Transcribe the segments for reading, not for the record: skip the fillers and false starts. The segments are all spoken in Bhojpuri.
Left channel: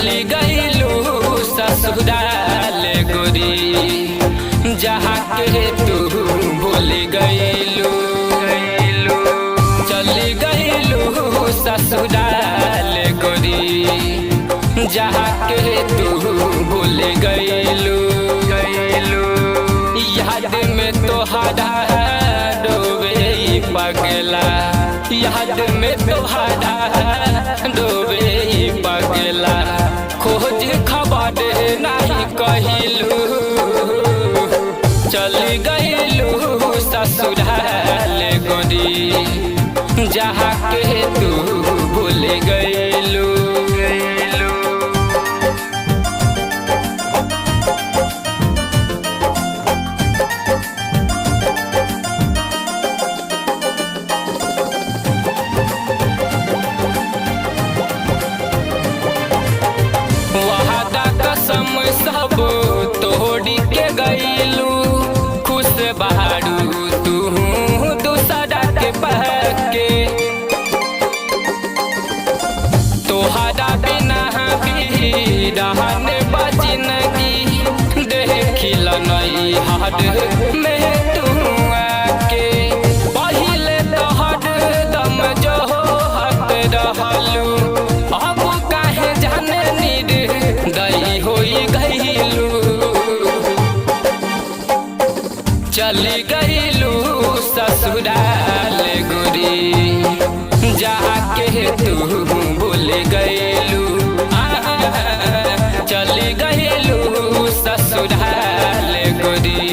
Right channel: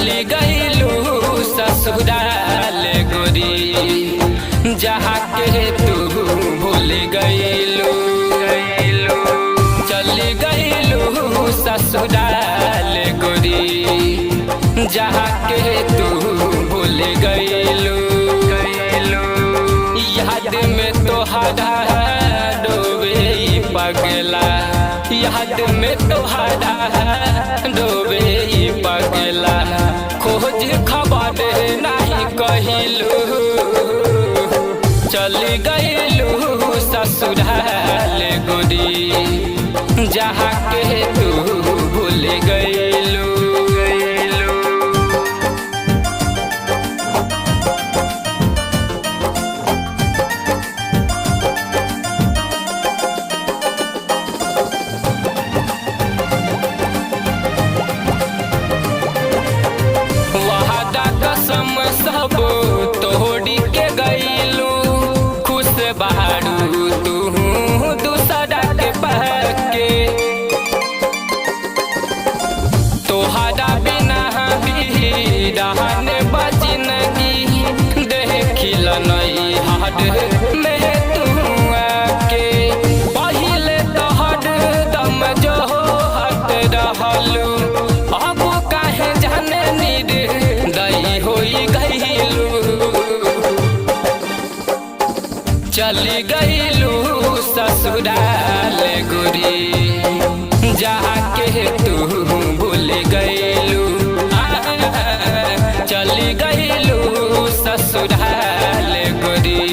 चली गईलू ससुराल गोरी, जहाँ के तू भूल गईलू। चली गईलू ससुराल गोरी, जहाँ के तू भूल गईलू। याद में तोहरा डोबे पगला, याद में तोहरा डोबे पगला। खोज खबर नहीं कहिलू, चली गईलू ससुराल गोरी, जहाँ के तू भूल गईलू। वादा कसम सब तोड़ी के गईलू, खुश बहारू तू दूसरा के पहके। तोहरा बिना भी रहने बजिनगी, देखिल नहीं हद में तू आके। पहिले तोहर दम जो हत रहलू, अब काहे जाने दई होई गईलू। चली गईलू ससुराल गोरी, जहाँ के तू भूल गईलू। चली गईलू ससुराल गोरी,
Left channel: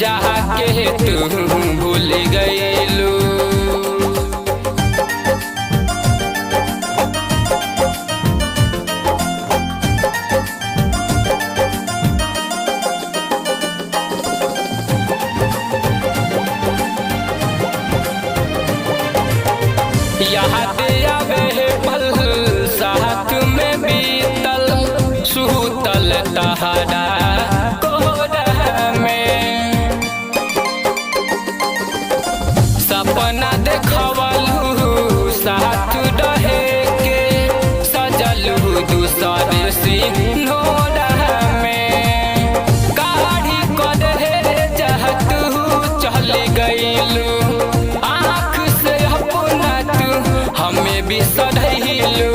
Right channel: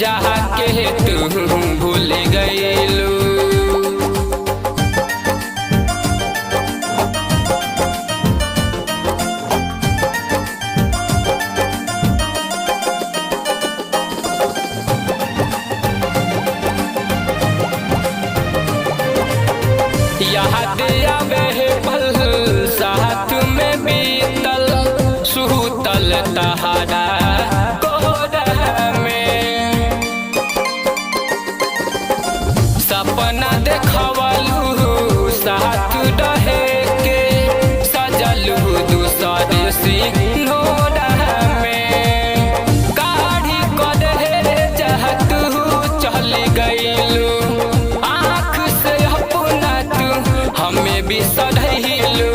जहाँ के तू भूल गईलू। याद आवे पल साथ में बीतल, सुतल तहरा कोहरा में। सपना देखवलू साथ रहे के, सजलू दूसरे सिंघोरा में। काढ़ी कर जहतू चल गईलू, हमें भी सधैलू।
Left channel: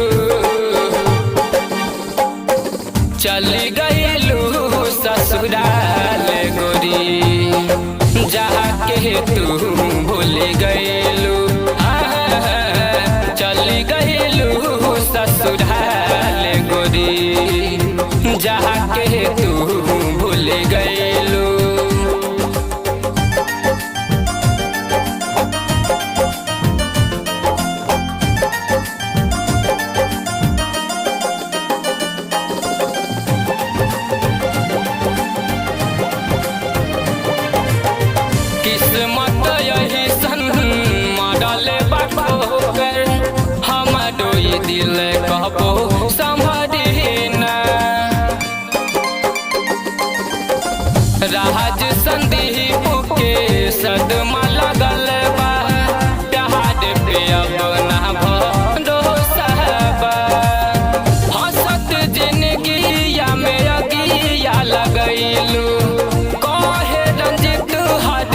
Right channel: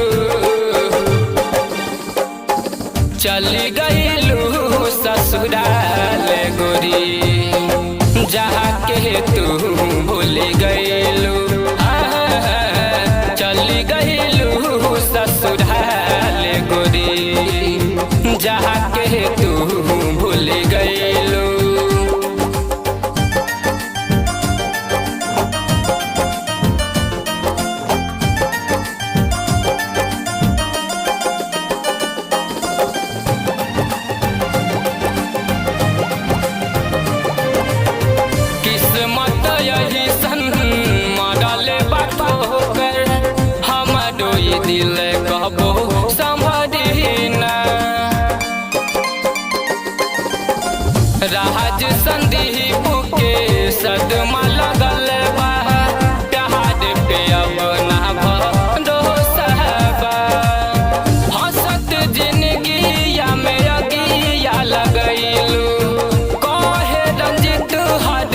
चली गईलू ससुराल गोरी, जहाँ के तू भूल गईलू। चली गईलू ससुराल गोरी, जहाँ के तू भूल गईलू। किस्मत यही सन मरल बाटो कर, हम डोई दिल कहबो संभरी ना। राज संदीप के सदमा लगल बा, प्यार पे अब ना भरोसा बा। हंसत जिंदगिया में अगिया लगैलू, कहे रंजित हद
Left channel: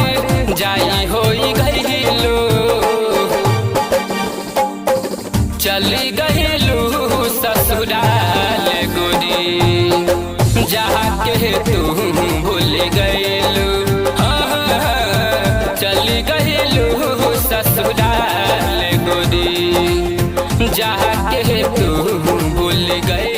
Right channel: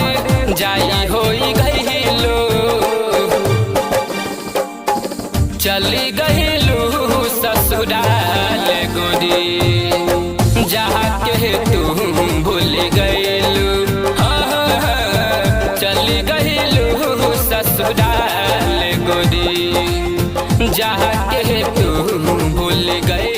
जाई होई गईलू। चली गईलू ससुराल गोरी, जहाँ के तू भूल गईलू। चली गईलू ससुराल गोरी, जहाँ के तू भूल गई।